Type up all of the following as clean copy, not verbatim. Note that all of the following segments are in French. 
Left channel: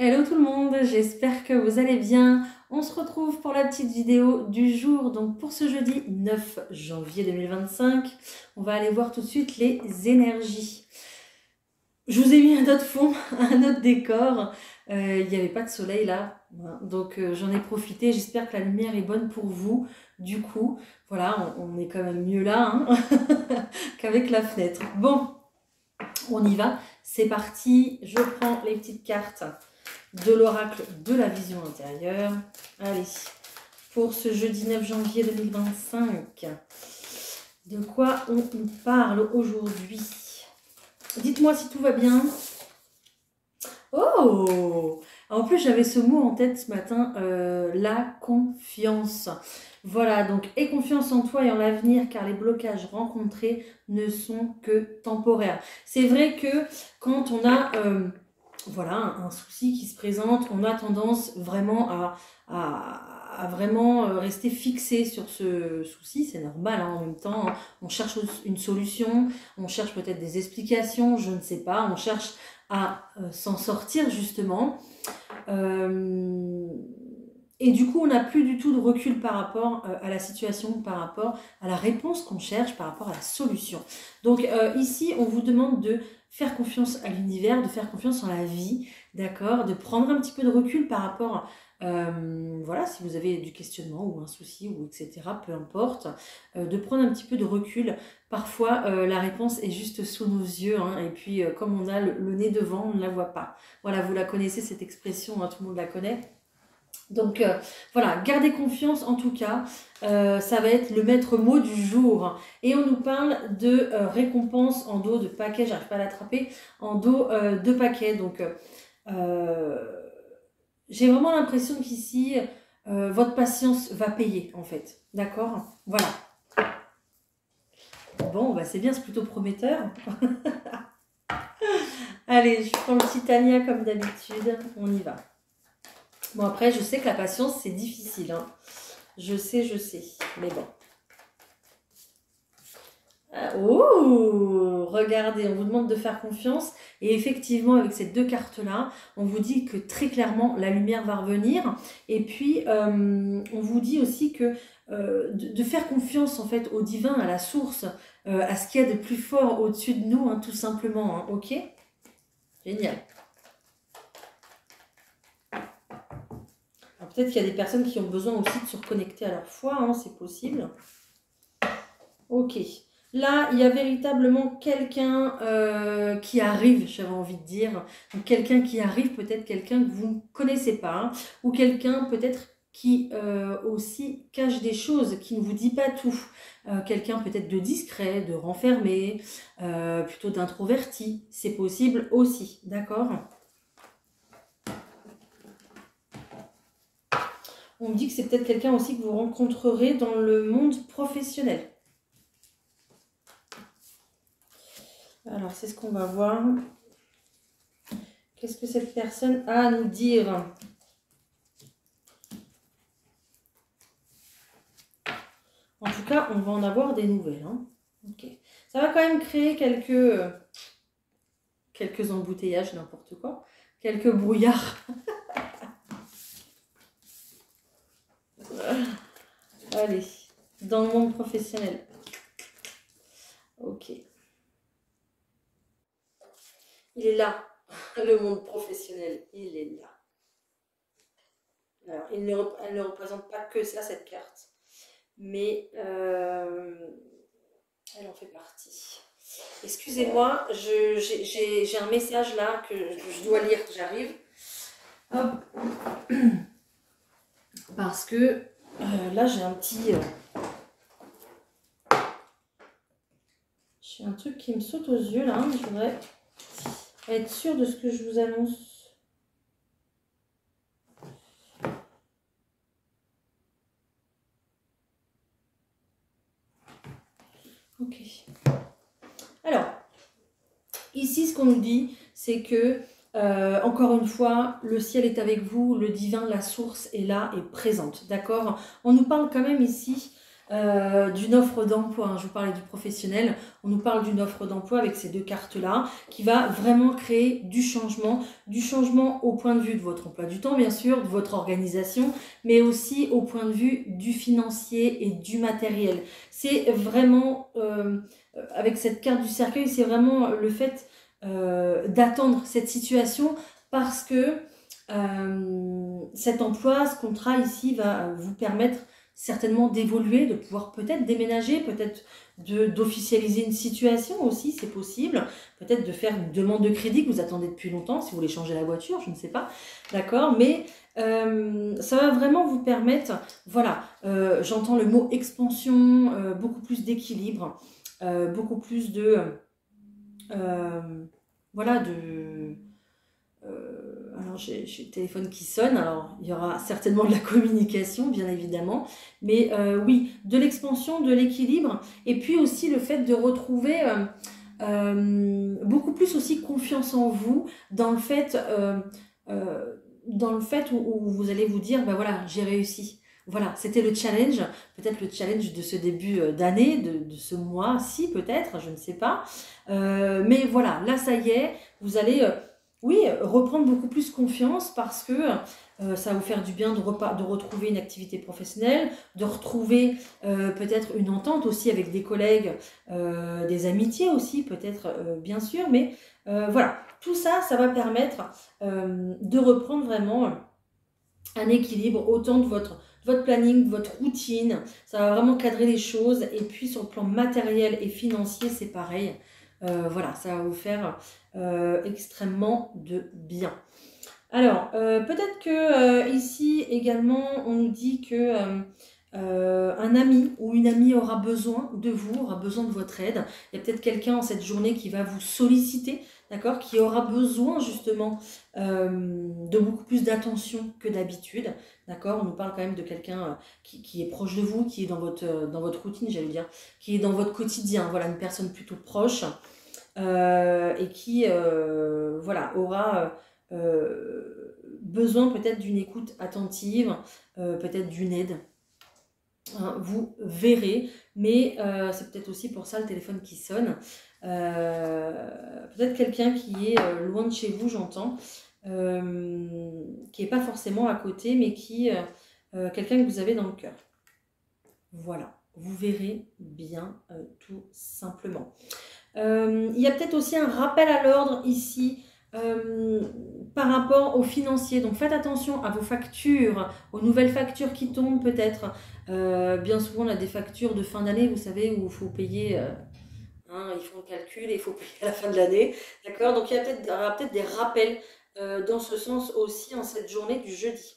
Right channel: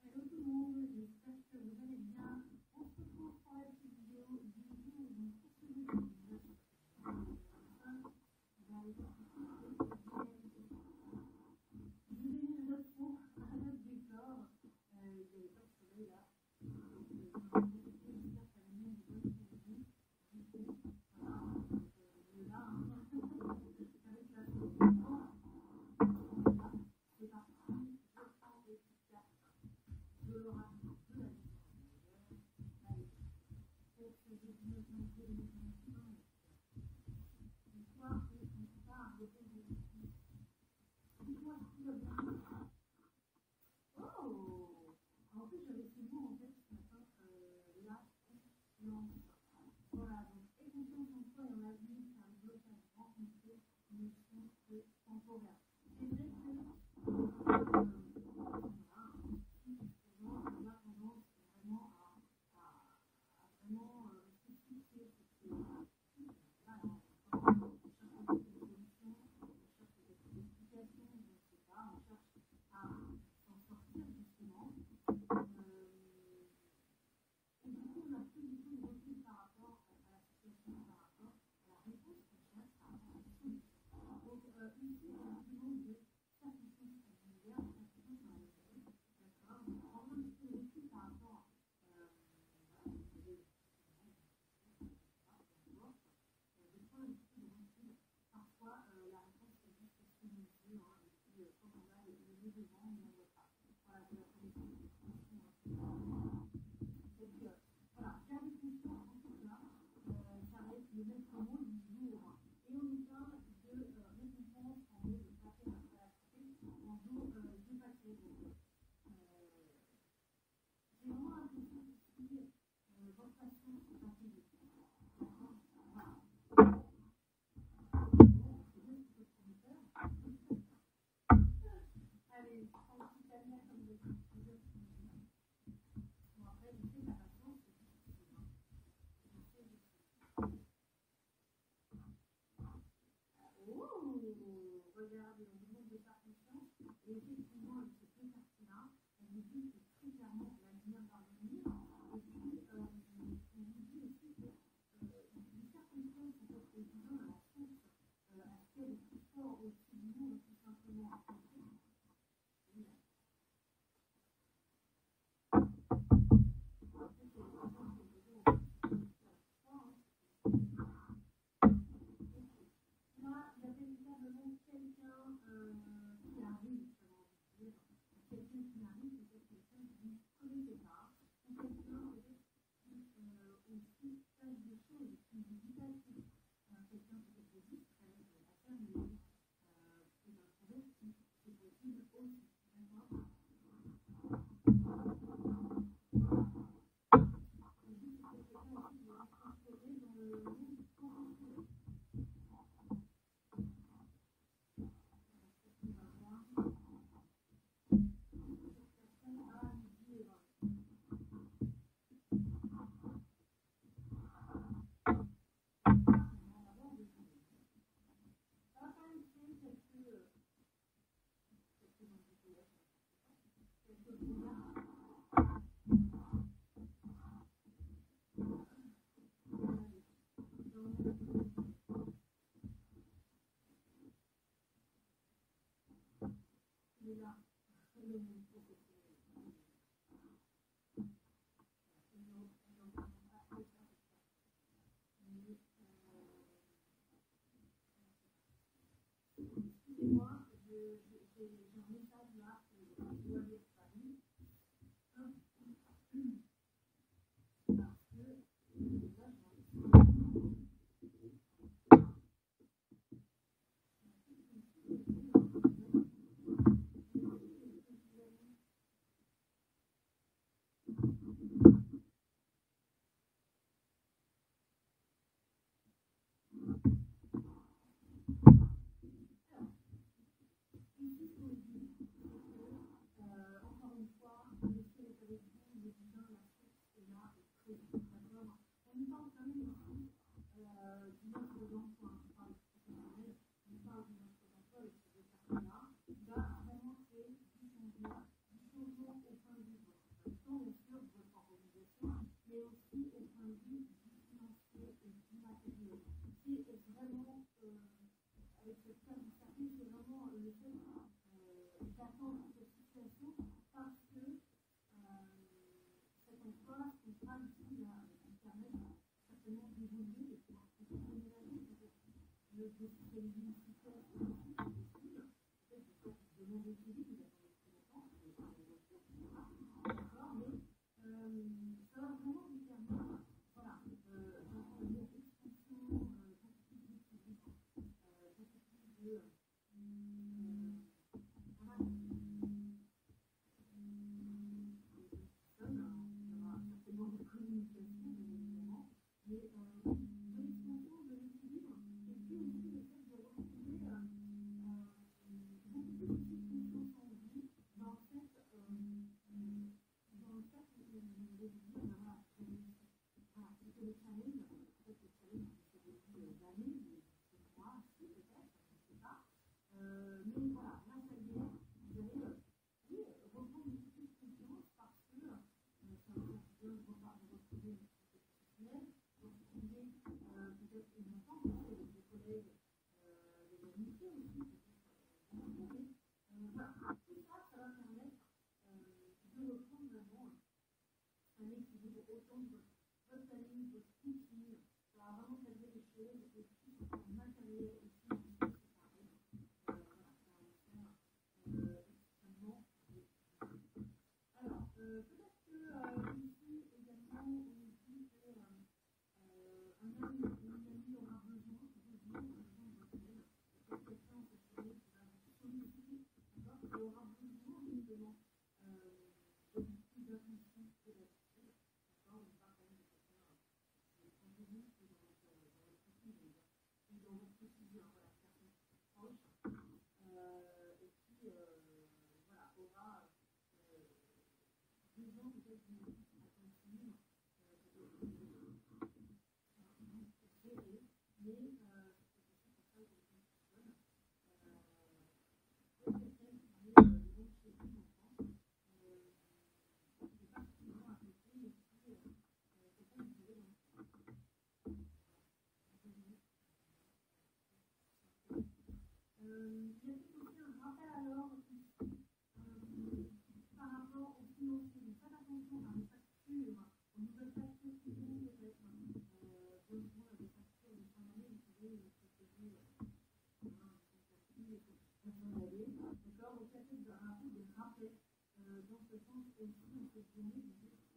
Hello tout le monde, j'espère que vous allez bien. On se retrouve pour la petite vidéo du jour. Donc pour ce jeudi 9 janvier 2025, on va aller voir tout de suite les énergies. Je vous ai mis un autre fond, un autre décor. Il n'y avait pas de soleil là, donc j'en ai profité. J'espère que la lumière est bonne pour vous. Du coup, voilà, on est quand même mieux là hein, qu'avec la fenêtre. Bon, on y va. C'est parti. Je prends les petites cartes de l'oracle de la vision intérieure. Allez, pour ce jeudi 9 janvier 2025, de quoi on nous parle aujourd'hui? Dites-moi si tout va bien. Oh! En plus, j'avais ce mot en tête ce matin, la confiance. Voilà, donc aie confiance en toi et en l'avenir, car les blocages rencontrés ne sont que temporaires. C'est vrai que quand on a voilà, un souci qui se présente, on a tendance vraiment à vraiment rester fixé sur ce souci, c'est normal hein, en même temps, on cherche une solution, on cherche peut-être des explications, je ne sais pas, on cherche à s'en sortir justement. Et du coup, on n'a plus du tout de recul par rapport à la situation, par rapport à la réponse qu'on cherche, par rapport à la solution. Donc ici, on vous demande de faire confiance à l'univers, de faire confiance en la vie, d'accord, de prendre un petit peu de recul par rapport, voilà, si vous avez du questionnement ou un souci, ou etc., peu importe, de prendre un petit peu de recul. Parfois, la réponse est juste sous nos yeux, hein, et puis comme on a le nez devant, on ne la voit pas. Voilà, vous la connaissez cette expression, hein, tout le monde la connaît. Donc voilà, gardez confiance en tout cas, ça va être le maître mot du jour. Et on nous parle de récompense en dos de paquet, j'arrive pas à l'attraper, en dos de paquet. Donc j'ai vraiment l'impression qu'ici, votre patience va payer en fait. D'accord? Voilà. Bon, bah c'est bien, c'est plutôt prometteur. Allez, je prends le Titania comme d'habitude, on y va. Bon après, je sais que la patience c'est difficile, hein. Je sais, mais bon. Oh, regardez, on vous demande de faire confiance. Et effectivement, avec ces deux cartes-là, on vous dit que très clairement, la lumière va revenir. Et puis, on vous dit aussi que de faire confiance en fait au divin, à la source, à ce qu'il y a de plus fort au-dessus de nous, hein, tout simplement. Hein, ok? Génial. Peut-être qu'il y a des personnes qui ont besoin aussi de se reconnecter à leur foi, hein, c'est possible. Ok. Là, il y a véritablement quelqu'un qui arrive, j'avais envie de dire. Donc, quelqu'un qui arrive, peut-être quelqu'un que vous ne connaissez pas, hein, ou quelqu'un peut-être qui aussi cache des choses, qui ne vous dit pas tout. Quelqu'un peut-être de discret, de renfermé, plutôt d'introverti. C'est possible aussi, d'accord? On me dit que c'est peut-être quelqu'un aussi que vous rencontrerez dans le monde professionnel. Alors, c'est ce qu'on va voir. Qu'est-ce que cette personne a à nous dire? En tout cas, on va en avoir des nouvelles. Hein. Okay. Ça va quand même créer quelques embouteillages, n'importe quoi. Quelques brouillards. Allez, dans le monde professionnel. Ok. Il est là, le monde professionnel. Il est là. Alors, elle ne représente pas que ça, cette carte. Mais elle en fait partie. Excusez-moi, j'ai un message là que je dois lire, j'arrive. Hop. Parce que là, j'ai un petit... j'ai un truc qui me saute aux yeux là. Je voudrais être sûre de ce que je vous annonce. Ok. Alors, ici, ce qu'on nous dit, c'est que, encore une fois, le ciel est avec vous, le divin, la source est là et présente. D'accord? On nous parle quand même ici d'une offre d'emploi. Je vous parlais du professionnel, on nous parle d'une offre d'emploi avec ces deux cartes-là qui va vraiment créer du changement au point de vue de votre emploi du temps, bien sûr, de votre organisation, mais aussi au point de vue du financier et du matériel. C'est vraiment, avec cette carte du cercueil, c'est vraiment le fait d'attendre cette situation parce que cet emploi, ce contrat ici va vous permettre certainement d'évoluer, de pouvoir peut-être déménager, peut-être d'officialiser une situation aussi, c'est possible, peut-être de faire une demande de crédit que vous attendez depuis longtemps, si vous voulez changer la voiture, je ne sais pas, d'accord, mais ça va vraiment vous permettre, voilà, j'entends le mot expansion, beaucoup plus d'équilibre, beaucoup plus de, voilà, de... alors j'ai le téléphone qui sonne, alors il y aura certainement de la communication bien évidemment, mais oui, de l'expansion, de l'équilibre, et puis aussi le fait de retrouver beaucoup plus aussi confiance en vous dans le fait où vous allez vous dire, ben voilà, j'ai réussi. Voilà, c'était le challenge, peut-être le challenge de ce début d'année, de ce mois-ci peut-être, je ne sais pas. Mais voilà, là ça y est, vous allez... oui, reprendre beaucoup plus confiance parce que ça va vous faire du bien de retrouver une activité professionnelle, de retrouver peut-être une entente aussi avec des collègues, des amitiés aussi peut-être bien sûr, mais voilà, tout ça, ça va permettre de reprendre vraiment un équilibre autant de votre planning, de votre routine, ça va vraiment cadrer les choses, et puis sur le plan matériel et financier, c'est pareil. Voilà, ça va vous faire extrêmement de bien. Alors, peut-être que ici également, on nous dit que un ami ou une amie aura besoin de vous, aura besoin de votre aide. Il y a peut-être quelqu'un en cette journée qui va vous solliciter, d'accord, qui aura besoin justement de beaucoup plus d'attention que d'habitude, d'accord. On nous parle quand même de quelqu'un qui est proche de vous, qui est dans votre routine, j'allais dire, qui est dans votre quotidien, voilà, une personne plutôt proche et qui, voilà, aura besoin peut-être d'une écoute attentive, peut-être d'une aide. Hein, vous verrez, mais c'est peut-être aussi pour ça le téléphone qui sonne. Peut-être quelqu'un qui est loin de chez vous, j'entends, qui n'est pas forcément à côté, mais qui quelqu'un que vous avez dans le cœur. Voilà, vous verrez bien tout simplement. Il y a peut-être aussi un rappel à l'ordre ici par rapport aux financiers. Donc faites attention à vos factures, aux nouvelles factures qui tombent peut-être. Bien souvent on a des factures de fin d'année, vous savez, où il faut payer, ils font le calcul et il faut payer à la fin de l'année. D'accord. Donc il y aura peut-être des rappels dans ce sens aussi en cette journée du jeudi.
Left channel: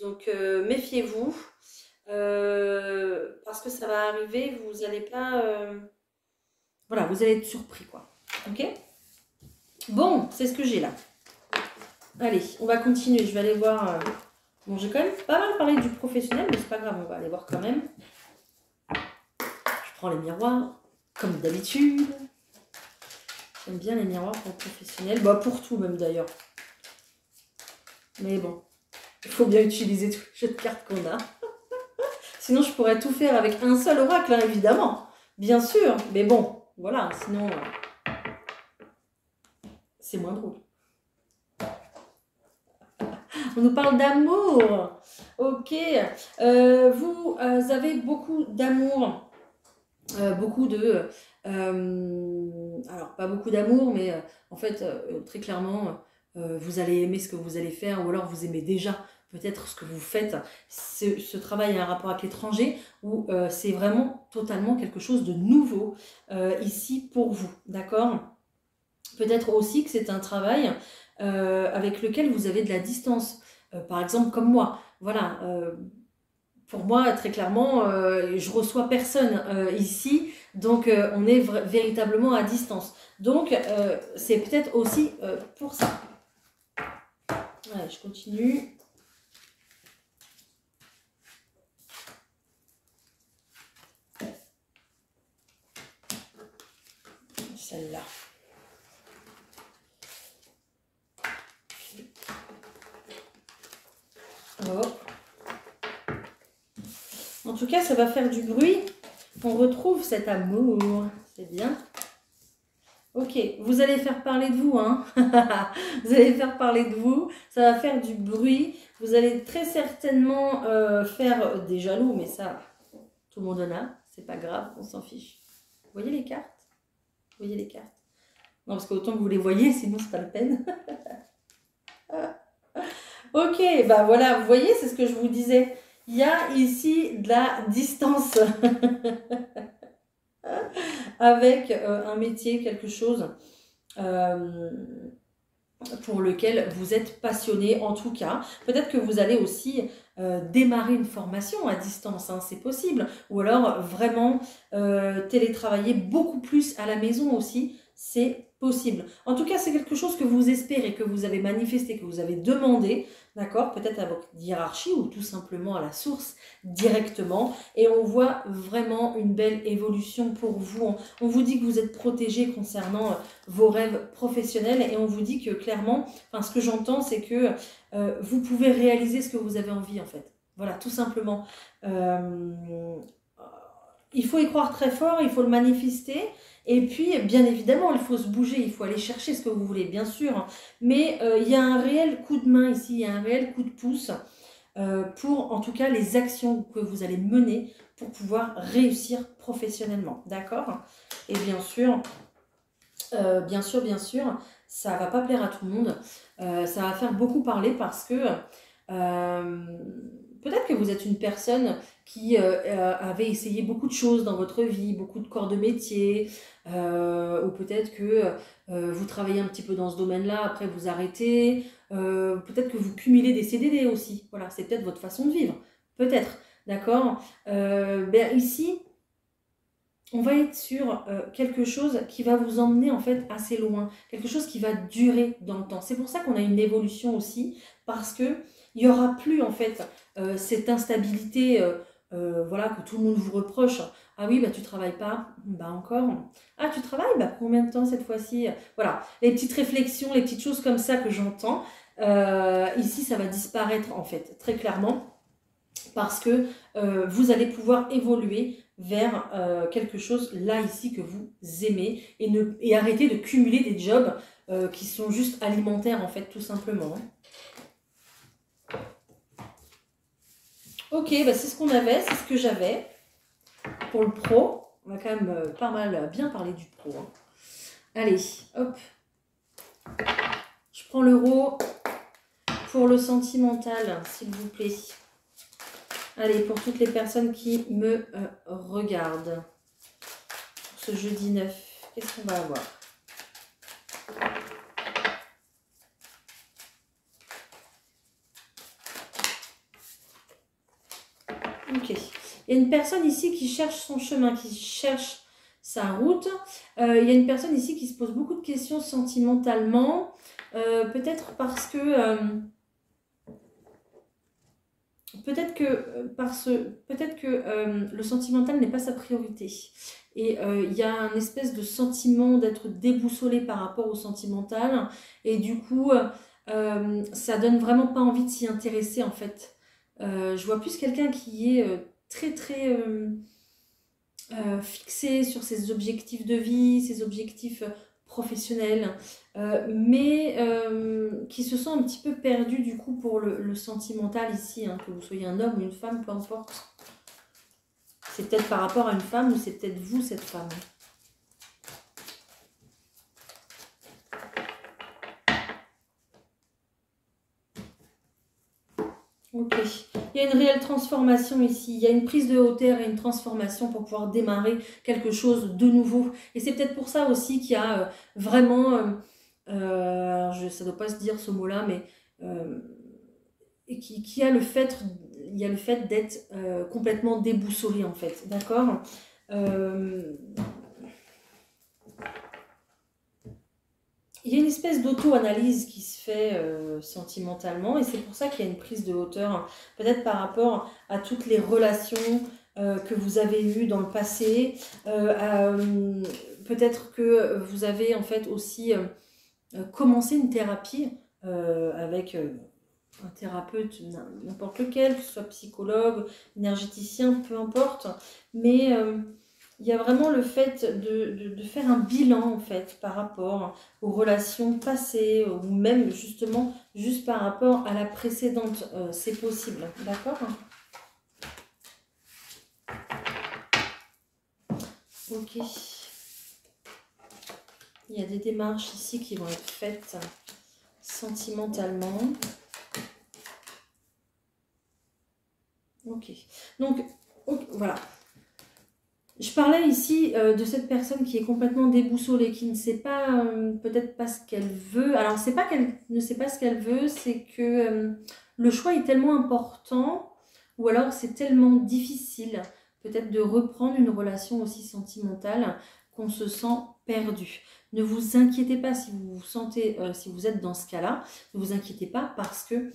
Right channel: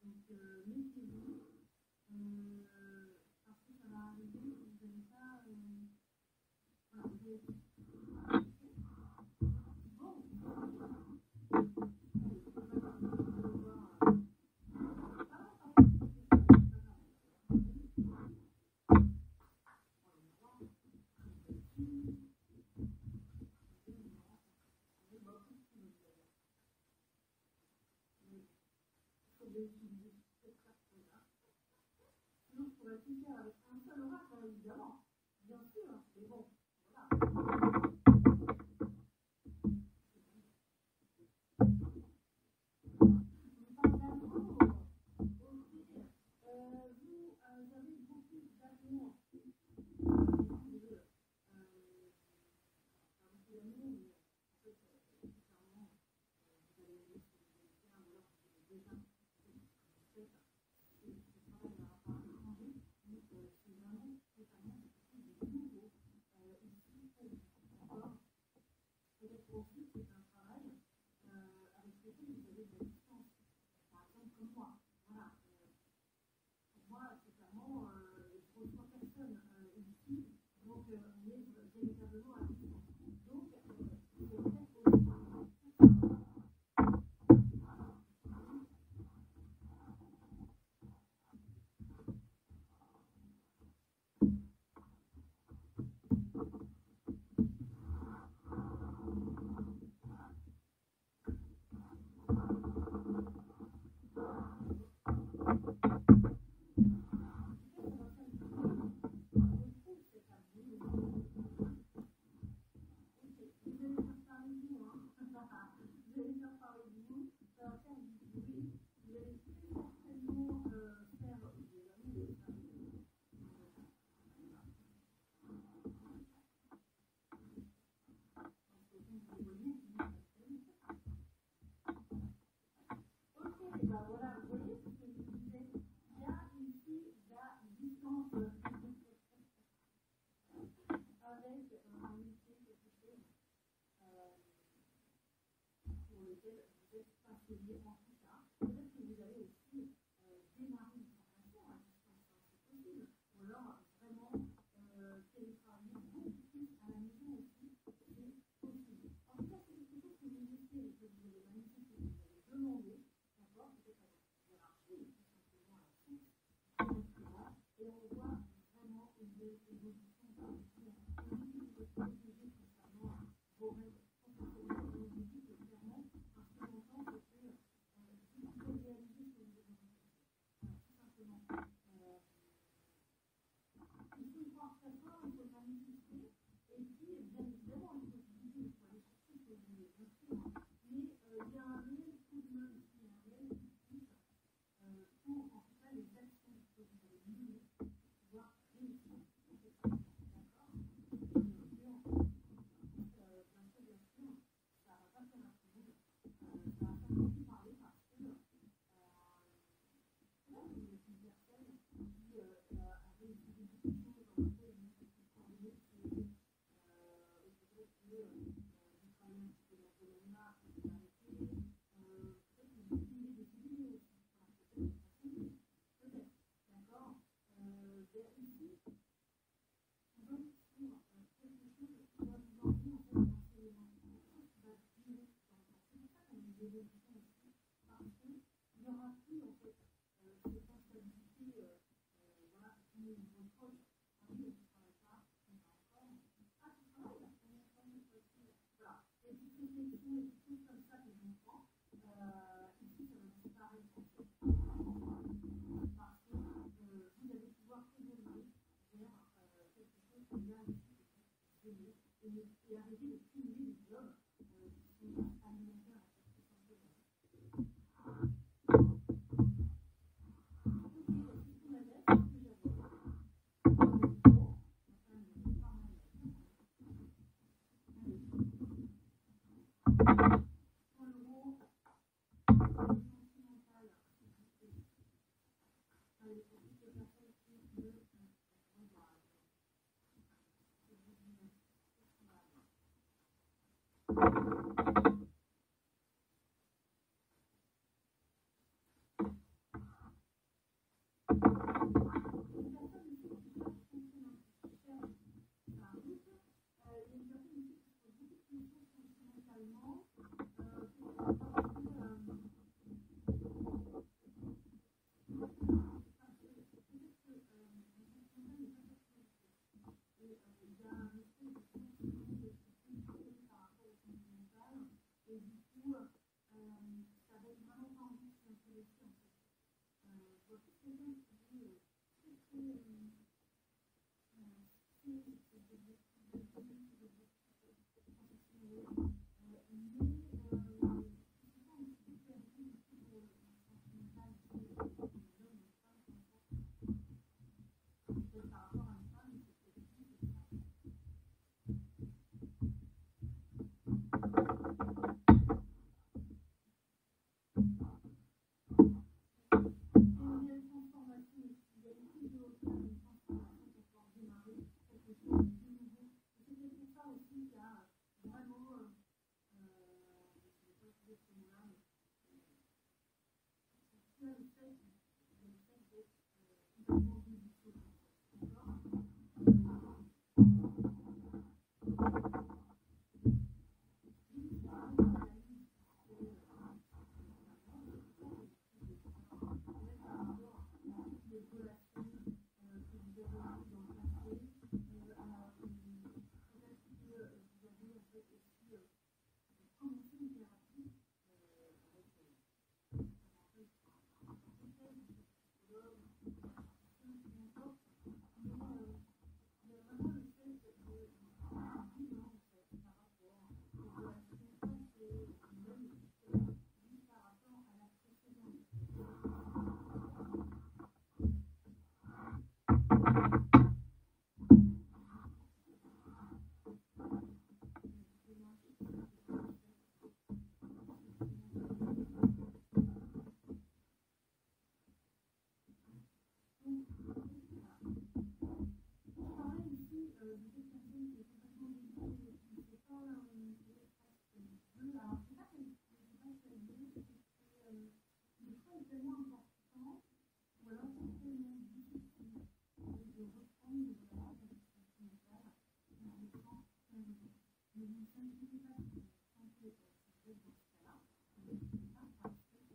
Donc méfiez-vous parce que ça va arriver, vous n'allez pas... voilà, vous allez être surpris, quoi. Ok? Bon, c'est ce que j'ai là. Allez, on va continuer. Je vais aller voir... Bon, j'ai quand même pas mal parlé du professionnel, mais c'est pas grave, on va aller voir quand même. Je prends les miroirs, comme d'habitude. J'aime bien les miroirs pour le professionnel. Bah, pour tout même d'ailleurs. Mais bon, il faut bien utiliser tous les jeux de cartes qu'on a. Sinon, je pourrais tout faire avec un seul oracle, hein, évidemment. Bien sûr, mais bon, voilà, sinon... c'est moins drôle. On nous parle d'amour. Ok. Vous avez beaucoup d'amour. Beaucoup de... alors, pas beaucoup d'amour, mais en fait, très clairement, vous allez aimer ce que vous allez faire, ou alors vous aimez déjà peut-être ce que vous faites. Ce travail a un rapport avec l'étranger, où c'est vraiment totalement quelque chose de nouveau ici pour vous. D'accord ? Peut-être aussi que c'est un travail avec lequel vous avez de la distance. Par exemple, comme moi. Voilà. Pour moi, très clairement, je reçois personne ici. Donc, on est véritablement à distance. Donc, c'est peut-être aussi pour ça. Voilà, je continue. Celle-là. En tout cas, ça va faire du bruit. On retrouve cet amour. C'est bien. Ok, vous allez faire parler de vous, hein. Vous allez faire parler de vous. Ça va faire du bruit. Vous allez très certainement faire des jaloux, mais ça, tout le monde en a. C'est pas grave, on s'en fiche. Vous voyez les cartes? Vous voyez les cartes? Non, parce qu'autant que vous les voyez, sinon c'est pas la peine. Ok, bah voilà, vous voyez, c'est ce que je vous disais. Il y a ici de la distance avec un métier, quelque chose pour lequel vous êtes passionné en tout cas. Peut-être que vous allez aussi démarrer une formation à distance, hein, c'est possible. Ou alors vraiment télétravailler beaucoup plus à la maison aussi, c'est possible. En tout cas, c'est quelque chose que vous espérez, que vous avez manifesté, que vous avez demandé, d'accord? Peut-être à votre hiérarchie ou tout simplement à la source directement. Et on voit vraiment une belle évolution pour vous. On vous dit que vous êtes protégé concernant vos rêves professionnels et on vous dit que clairement, enfin, ce que j'entends, c'est que vous pouvez réaliser ce que vous avez envie en fait. Voilà, tout simplement. Il faut y croire très fort, il faut le manifester. Et puis, bien évidemment, il faut se bouger, il faut aller chercher ce que vous voulez, bien sûr. Mais il y a un réel coup de main ici, il y a un réel coup de pouce pour, en tout cas, les actions que vous allez mener pour pouvoir réussir professionnellement. D'accord? Et bien sûr, ça ne va pas plaire à tout le monde. Ça va faire beaucoup parler parce que peut-être que vous êtes une personne qui avait essayé beaucoup de choses dans votre vie, beaucoup de corps de métier, ou peut-être que vous travaillez un petit peu dans ce domaine-là, après vous arrêtez, peut-être que vous cumulez des CDD aussi, voilà, c'est peut-être votre façon de vivre, peut-être, d'accord. Ici, on va être sur quelque chose qui va vous emmener en fait assez loin, quelque chose qui va durer dans le temps. C'est pour ça qu'on a une évolution aussi, parce que il n'y aura plus en fait cette instabilité voilà, que tout le monde vous reproche. Ah oui, bah tu travailles pas, bah encore. Ah tu travailles, bah combien de temps cette fois-ci? Voilà, les petites réflexions, les petites choses comme ça que j'entends. Ici, ça va disparaître en fait, très clairement, parce que vous allez pouvoir évoluer vers quelque chose là ici que vous aimez et arrêter de cumuler des jobs qui sont juste alimentaires en fait tout simplement. Ok, bah c'est ce qu'on avait, c'est ce que j'avais pour le pro. On va quand même pas mal bien parler du pro. Hein. Allez, hop. Je prends l'euro pour le sentimental, s'il vous plaît. Allez, pour toutes les personnes qui me regardent. Pour ce jeudi 9, qu'est-ce qu'on va avoir? Ok. Il y a une personne ici qui cherche son chemin, qui cherche sa route. Il y a une personne ici qui se pose beaucoup de questions sentimentalement. Peut-être parce que... Peut-être que le sentimental n'est pas sa priorité. Et il y a un espèce de sentiment d'être déboussolé par rapport au sentimental. Et du coup, ça donne vraiment pas envie de s'y intéresser en fait. Je vois plus quelqu'un qui est très très fixé sur ses objectifs de vie, ses objectifs professionnels, mais qui se sent un petit peu perdu du coup pour le sentimental ici, hein, que vous soyez un homme ou une femme, peu importe. C'est peut-être par rapport à une femme ou c'est peut-être vous cette femme. Ok, il y a une réelle transformation ici, il y a une prise de hauteur et une transformation pour pouvoir démarrer quelque chose de nouveau. Et c'est peut-être pour ça aussi qu'il y a vraiment, ça ne doit pas se dire ce mot-là, mais qui a le fait, il y a le fait d'être complètement déboussolé en fait, d'accord. Il y a une espèce d'auto-analyse qui se fait sentimentalement et c'est pour ça qu'il y a une prise de hauteur, hein, peut-être par rapport à toutes les relations que vous avez eues dans le passé. Peut-être que vous avez en fait aussi commencé une thérapie avec un thérapeute, n'importe lequel, que ce soit psychologue, énergéticien, peu importe. Mais il y a vraiment le fait de faire un bilan en fait par rapport aux relations passées ou même justement juste par rapport à la précédente. C'est possible, d'accord? Ok. Il y a des démarches ici qui vont être faites sentimentalement. Ok. Donc, voilà. Je parlais ici de cette personne qui est complètement déboussolée, qui ne sait pas, peut-être pas ce qu'elle veut. Alors, c'est pas qu'elle ne sait pas ce qu'elle veut, c'est que le choix est tellement important, ou alors c'est tellement difficile, peut-être de reprendre une relation aussi sentimentale qu'on se sent perdu. Ne vous inquiétez pas si vous vous sentez, si vous êtes dans ce cas-là, ne vous inquiétez pas parce que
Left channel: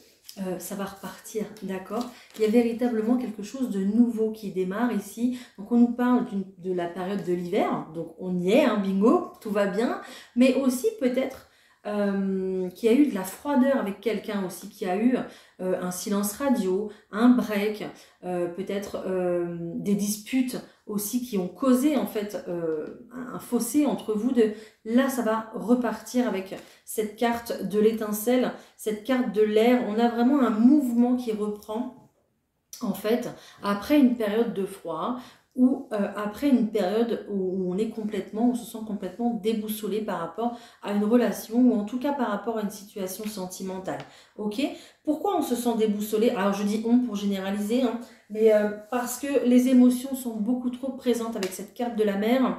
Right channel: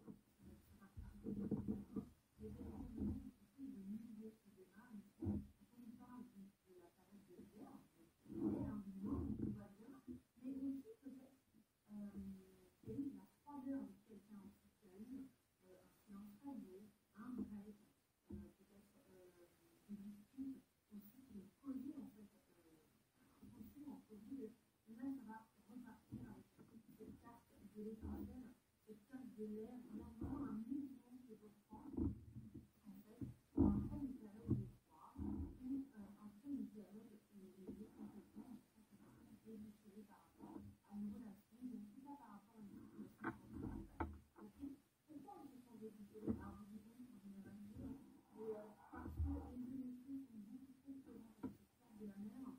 ça va repartir, d'accord? Il y a véritablement quelque chose de nouveau qui démarre ici. Donc on nous parle de la période de l'hiver, donc on y est, hein, bingo, tout va bien, mais aussi peut-être qu'il y a eu de la froideur avec quelqu'un aussi, qui a eu un silence radio, un break, peut-être des disputes aussi qui ont causé en fait un fossé entre vous deux. Là, ça va repartir avec cette carte de l'étincelle, cette carte de l'air. On a vraiment un mouvement qui reprend en fait après une période de froid ou après une période où on est complètement, on se sent complètement déboussolé par rapport à une relation ou en tout cas par rapport à une situation sentimentale. Ok? Pourquoi on se sent déboussolé? Alors je dis on pour généraliser, hein, mais parce que les émotions sont beaucoup trop présentes avec cette carte de la mer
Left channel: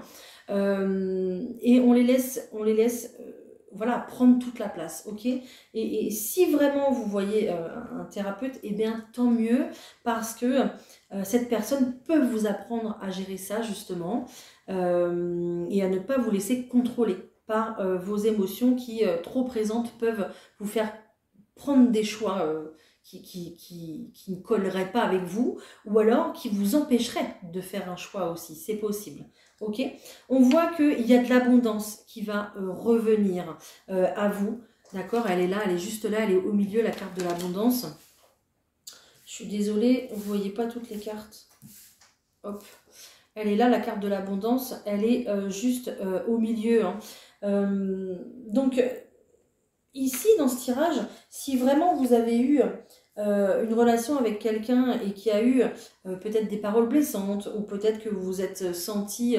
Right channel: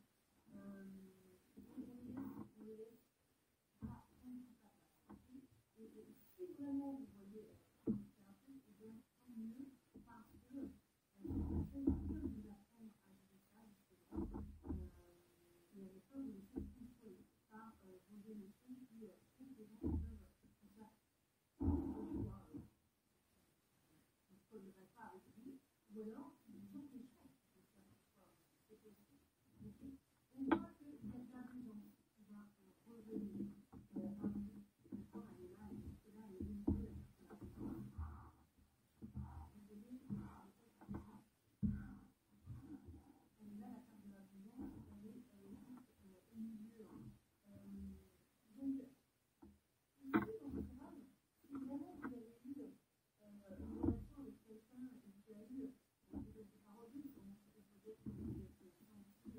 et on les laisse voilà, prendre toute la place, ok? Et si vraiment vous voyez un thérapeute, eh bien tant mieux, parce que cette personne peut vous apprendre à gérer ça justement et à ne pas vous laisser contrôler par vos émotions qui, trop présentes, peuvent vous faire prendre des choix qui ne colleraient pas avec vous, ou alors qui vous empêcheraient de faire un choix aussi, c'est possible. Ok, on voit qu'il y a de l'abondance qui va revenir à vous. D'accord, elle est là, elle est juste là, elle est au milieu, la carte de l'abondance. Je suis désolée, vous ne voyez pas toutes les cartes. Hop, elle est là, la carte de l'abondance, elle est juste au milieu. Hein. Donc, ici, dans ce tirage, si vraiment vous avez eu une relation avec quelqu'un et qui a eu peut-être des paroles blessantes, ou peut-être que vous vous êtes senti,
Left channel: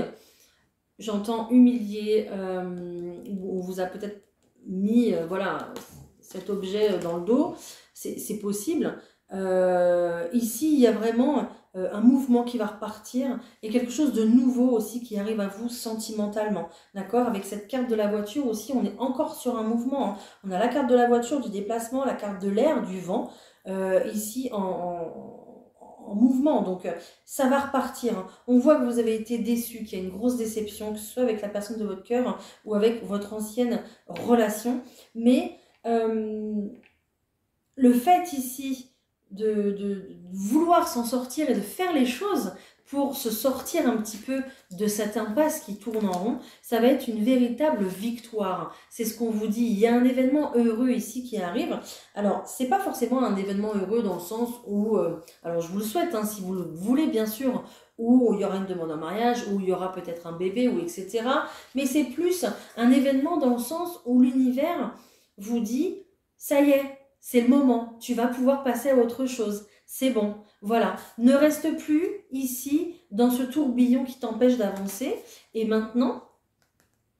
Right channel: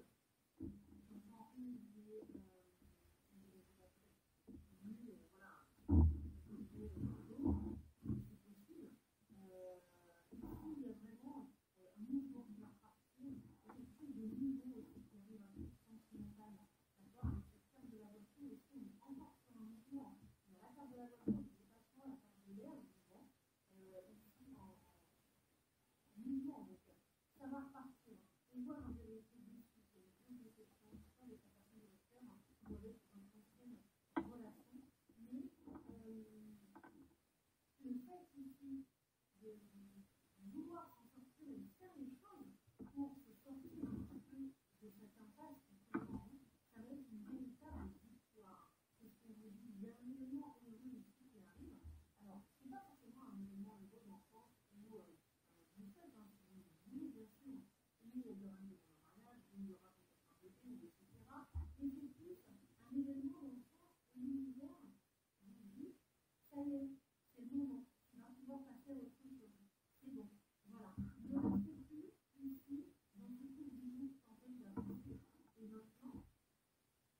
j'entends, humilié, ou on vous a peut-être mis voilà, cet objet dans le dos, c'est possible. Ici, il y a vraiment un mouvement qui va repartir et quelque chose de nouveau aussi qui arrive à vous sentimentalement. D'accord? Avec cette carte de la voiture aussi, on est encore sur un mouvement. Hein. On a la carte de la voiture, du déplacement, la carte de l'air, du vent, ici en mouvement. Donc, ça va repartir. Hein. On voit que vous avez été déçu, qu'il y a une grosse déception, que ce soit avec la personne de votre cœur ou avec votre ancienne relation. Mais le fait ici de vouloir s'en sortir et de faire les choses pour se sortir un petit peu de cette impasse qui tourne en rond, ça va être une véritable victoire. C'est ce qu'on vous dit. Il y a un événement heureux ici qui arrive. Alors, c'est pas forcément un événement heureux dans le sens où, alors je vous le souhaite, hein, si vous le voulez bien sûr, où il y aura une demande en mariage, où il y aura peut-être un bébé, ou etc. Mais c'est plus un événement dans le sens où l'univers vous dit, ça y est, c'est le moment, tu vas pouvoir passer à autre chose, c'est bon, voilà. Ne reste plus ici dans ce tourbillon qui t'empêche d'avancer et maintenant,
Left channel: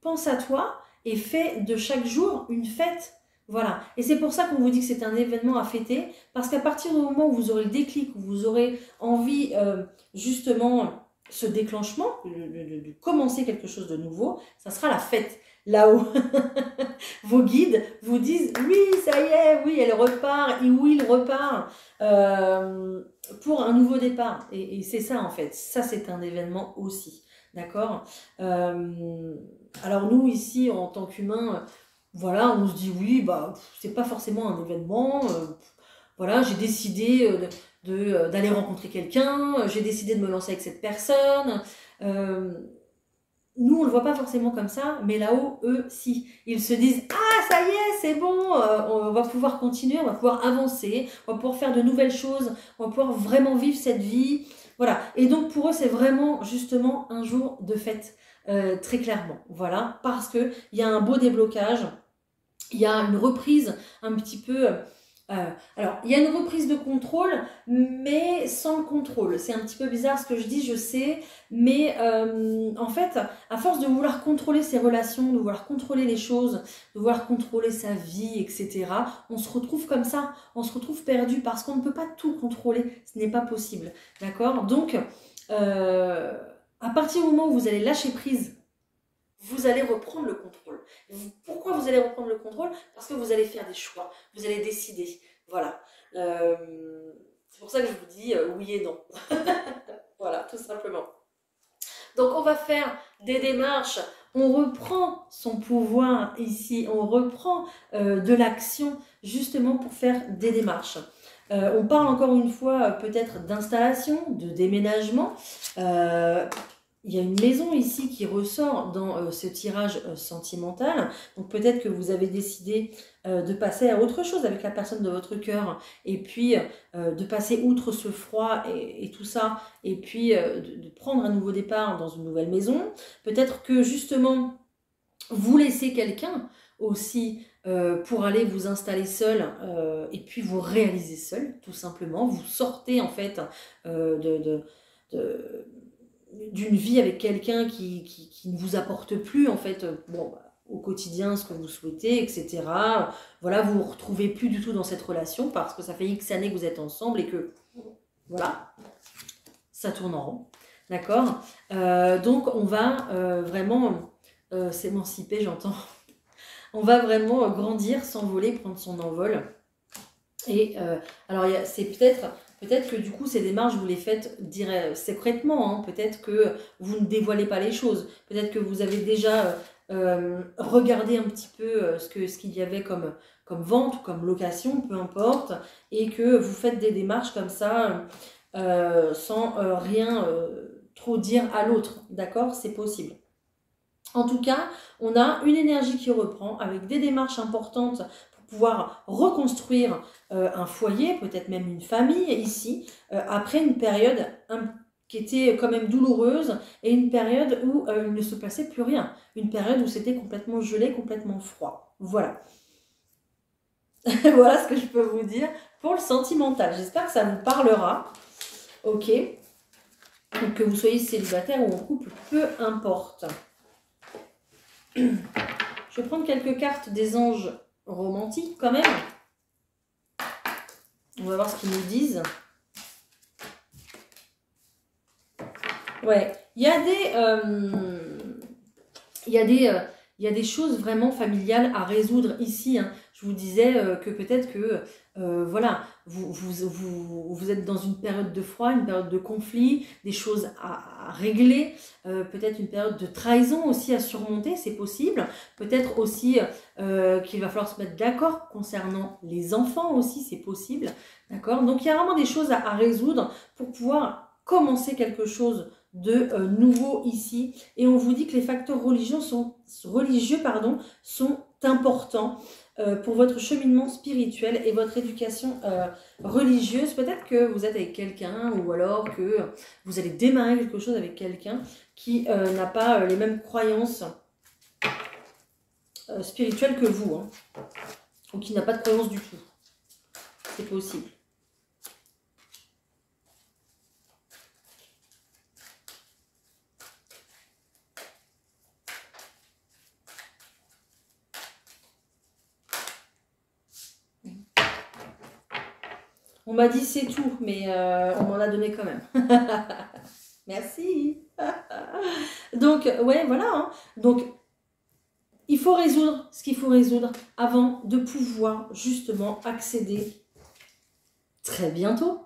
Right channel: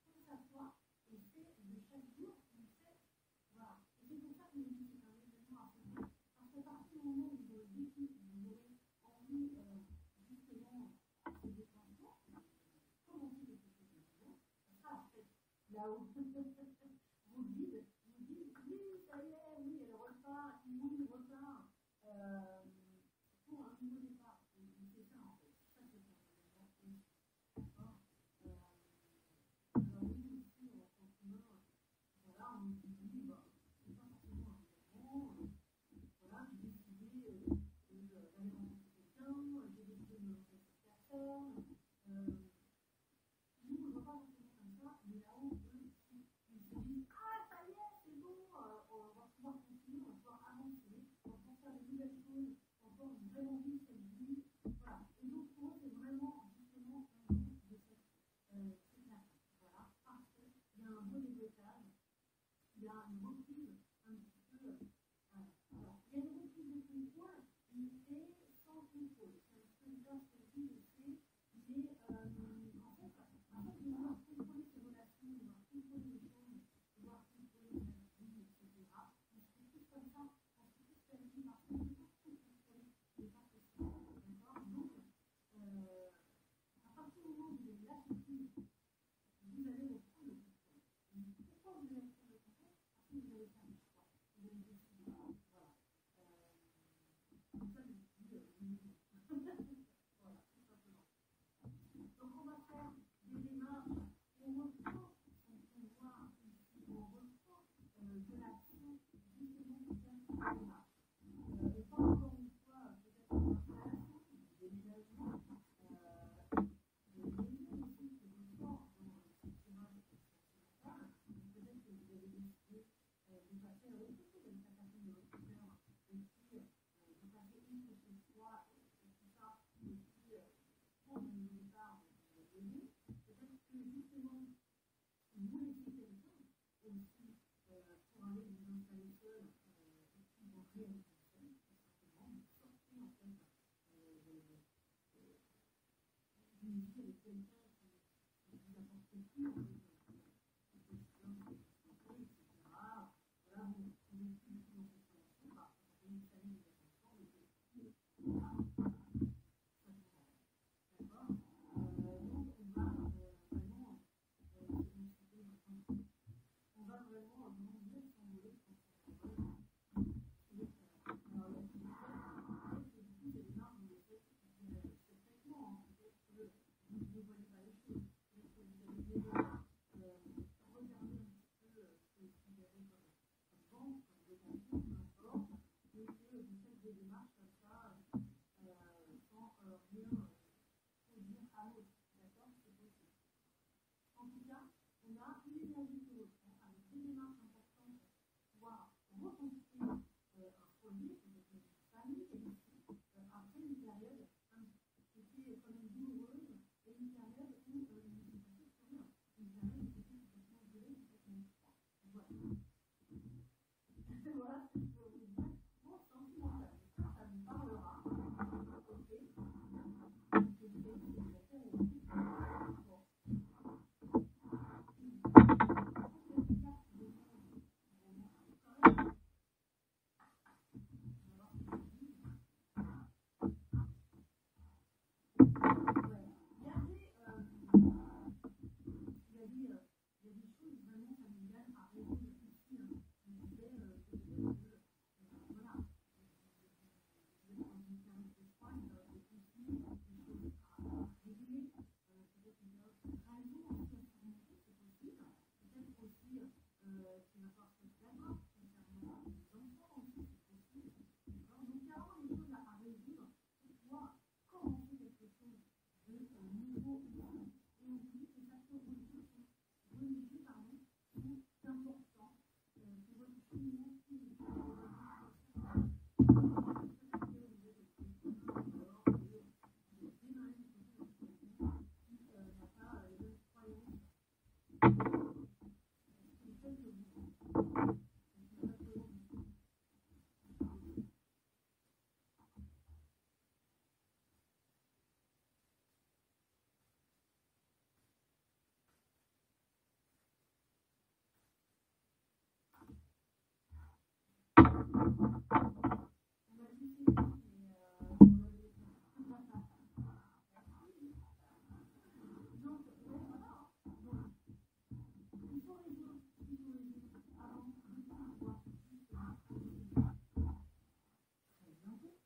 pense à toi et fais de chaque jour une fête. Voilà. Et c'est pour ça qu'on vous dit que c'est un événement à fêter, parce qu'à partir du moment où vous aurez le déclic, où vous aurez envie justement ce déclenchement, de commencer quelque chose de nouveau, ça sera la fête. Là-haut, vos guides vous disent oui, ça y est, oui, elle repart, et oui, il repart pour un nouveau départ. Et c'est ça en fait, ça c'est un événement aussi, d'accord. Alors nous ici en tant qu'humains, voilà, on se dit oui, bah c'est pas forcément un événement. Voilà, j'ai décidé d'aller rencontrer quelqu'un, j'ai décidé de me lancer avec cette personne. nous, on ne le voit pas forcément comme ça, mais là-haut, eux, si. Ils se disent « Ah, ça y est, c'est bon, on va pouvoir continuer, on va pouvoir avancer, on va pouvoir faire de nouvelles choses, on va pouvoir vraiment vivre cette vie. » Voilà. Et donc, pour eux, c'est vraiment, justement, un jour de fête, très clairement. Voilà. Parce qu'il y a un beau déblocage, il y a une reprise un petit peu... alors, il y a une reprise de contrôle, mais sans le contrôle. C'est un petit peu bizarre ce que je dis, je sais, mais en fait, à force de vouloir contrôler ses relations, de vouloir contrôler les choses, de vouloir contrôler sa vie, etc., on se retrouve comme ça, on se retrouve perdu parce qu'on ne peut pas tout contrôler, ce n'est pas possible, d'accord? Donc, à partir du moment où vous allez lâcher prise, vous allez reprendre le contrôle. Pourquoi vous allez reprendre le contrôle? Parce que vous allez faire des choix, vous allez décider. Voilà. C'est pour ça que je vous dis oui et non. Voilà, tout simplement. Donc on va faire des démarches, on reprend son pouvoir ici, on reprend de l'action justement pour faire des démarches. On parle encore une fois peut-être d'installation, de déménagement. Il y a une maison ici qui ressort dans ce tirage sentimental. Donc peut-être que vous avez décidé de passer à autre chose avec la personne de votre cœur. Et puis de passer outre ce froid et tout ça. Et puis de prendre un nouveau départ dans une nouvelle maison. Peut-être que justement vous laissez quelqu'un aussi pour aller vous installer seul et puis vous réaliser seul, tout simplement. Vous sortez en fait d'une vie avec quelqu'un qui ne vous apporte plus en fait bon, au quotidien ce que vous souhaitez, etc. Voilà, vous ne vous retrouvez plus du tout dans cette relation parce que ça fait X années que vous êtes ensemble et que voilà, ça tourne en rond. D'accord. Donc on va vraiment s'émanciper, j'entends. On va vraiment grandir, s'envoler, prendre son envol. Et alors c'est peut-être que du coup ces démarches vous les faites secrètement, hein. Peut-être que vous ne dévoilez pas les choses, peut-être que vous avez déjà regardé un petit peu ce qu'il y avait comme vente ou comme location, peu importe, et que vous faites des démarches comme ça sans rien trop dire à l'autre, d'accord? C'est possible. En tout cas, on a une énergie qui reprend avec des démarches importantes pour pouvoir reconstruire un foyer, peut-être même une famille ici, après une période qui était quand même douloureuse et une période où il ne se passait plus rien. Une période où c'était complètement gelé, complètement froid. Voilà. Voilà ce que je peux vous dire pour le sentimental. J'espère que ça vous parlera. Ok. Donc que vous soyez célibataire ou en couple, peu importe. Je vais prendre quelques cartes des anges romantiques quand même. On va voir ce qu'ils nous disent. Ouais, il y a des choses vraiment familiales à résoudre ici, hein. Je vous disais que peut-être que voilà, vous êtes dans une période de froid, une période de conflit, des choses à régler, peut-être une période de trahison aussi à surmonter, c'est possible. Peut-être aussi qu'il va falloir se mettre d'accord concernant les enfants aussi, c'est possible. D'accord? Donc il y a vraiment des choses à résoudre pour pouvoir commencer quelque chose de nouveau ici. Et on vous dit que les facteurs religieux sont importants pour votre cheminement spirituel et votre éducation religieuse. Peut-être que vous êtes avec quelqu'un ou alors que vous allez démarrer quelque chose avec quelqu'un qui n'a pas les mêmes croyances spirituelles que vous, hein, ou qui n'a pas de croyances du tout. C'est possible. On m'a dit c'est tout, mais on m'en a donné quand même. Merci. Donc, ouais, voilà. Hein. Donc, il faut résoudre ce qu'il faut résoudre avant de pouvoir justement accéder très bientôt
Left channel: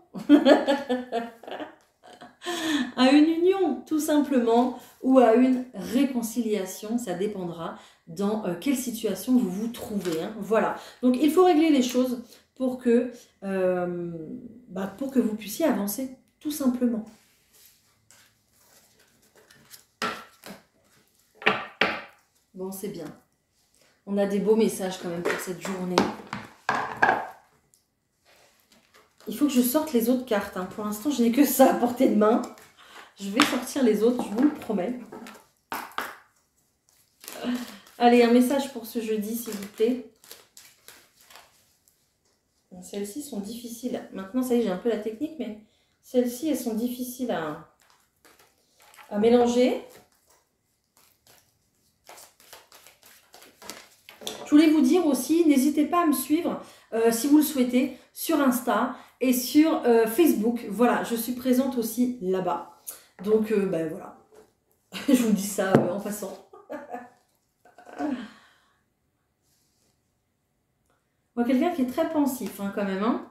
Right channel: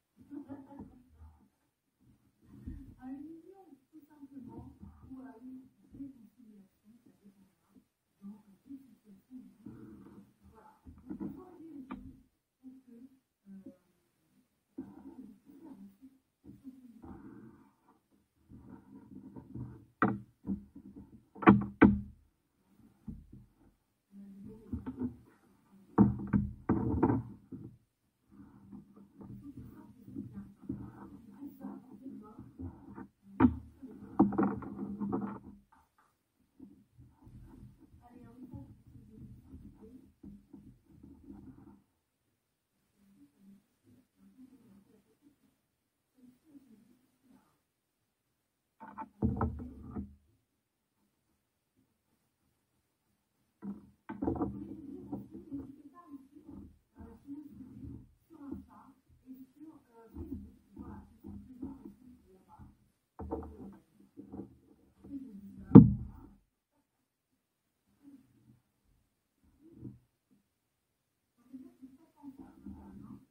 à une union, tout simplement, ou à une réconciliation. Ça dépendra dans quelle situation vous vous trouvez. Hein. Voilà. Donc, il faut régler les choses pour que vous puissiez avancer, tout simplement. Bon, c'est bien. On a des beaux messages quand même pour cette journée. Il faut que je sorte les autres cartes. Hein. Pour l'instant, je n'ai que ça à portée de main. Je vais sortir les autres, je vous le promets. Allez, un message pour ce jeudi, s'il vous plaît. Celles-ci sont difficiles. Maintenant, ça y est, j'ai un peu la technique, mais celles-ci, elles sont difficiles à mélanger. Je voulais vous dire aussi, n'hésitez pas à me suivre, si vous le souhaitez, sur Insta et sur Facebook. Voilà, je suis présente aussi là-bas. Donc, ben voilà. Je vous dis ça en passant. Moi, quelqu'un qui est très pensif hein, quand même. Hein.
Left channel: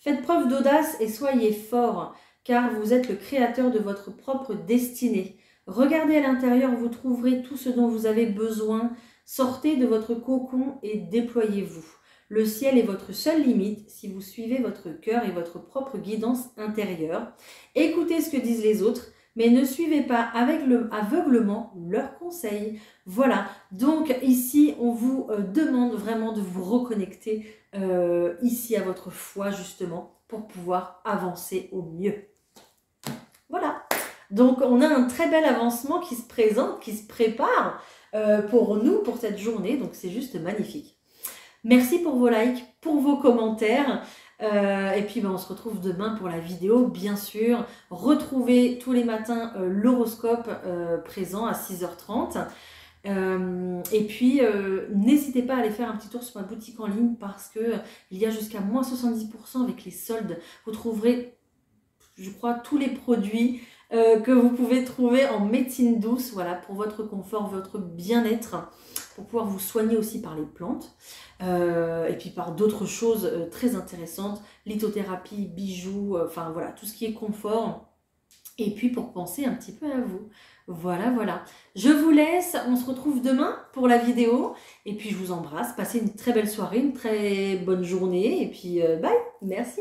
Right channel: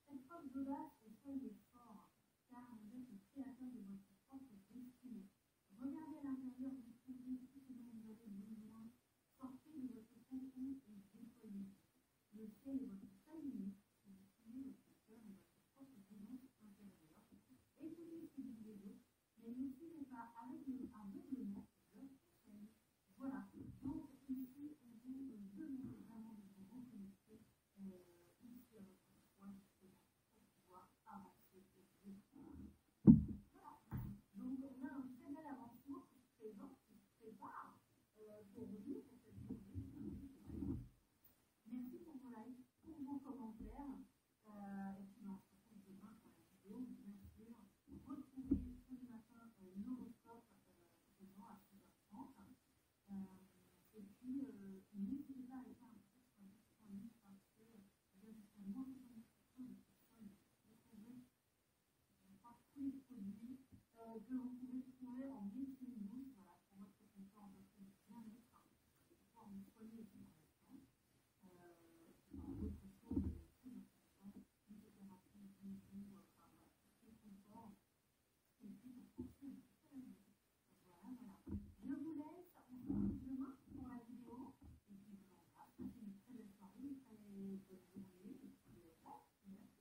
Faites preuve d'audace et soyez fort, car vous êtes le créateur de votre propre destinée. Regardez à l'intérieur, vous trouverez tout ce dont vous avez besoin. Sortez de votre cocon et déployez-vous. Le ciel est votre seule limite si vous suivez votre cœur et votre propre guidance intérieure. Écoutez ce que disent les autres, mais ne suivez pas aveuglement leurs conseils. Voilà, donc ici, on vous demande vraiment de vous reconnecter ici à votre foi, justement, pour pouvoir avancer au mieux. Voilà, donc on a un très bel avancement qui se présente, qui se prépare pour nous, pour cette journée, donc c'est juste magnifique. Merci pour vos likes, pour vos commentaires. Et puis on se retrouve demain pour la vidéo, bien sûr. Retrouvez tous les matins l'horoscope présent à 6h30. Et puis n'hésitez pas à aller faire un petit tour sur ma boutique en ligne parce que il y a jusqu'à moins 70% avec les soldes. Vous trouverez, je crois, tous les produits que vous pouvez trouver en médecine douce, voilà, pour votre confort, votre bien-être, pour pouvoir vous soigner aussi par les plantes. Et puis par d'autres choses très intéressantes, lithothérapie, bijoux, enfin voilà, tout ce qui est confort. Et puis pour penser un petit peu à vous. Voilà, voilà. Je vous laisse, on se retrouve demain pour la vidéo. Et puis je vous embrasse, passez une très belle soirée, une très bonne journée. Et puis bye, merci.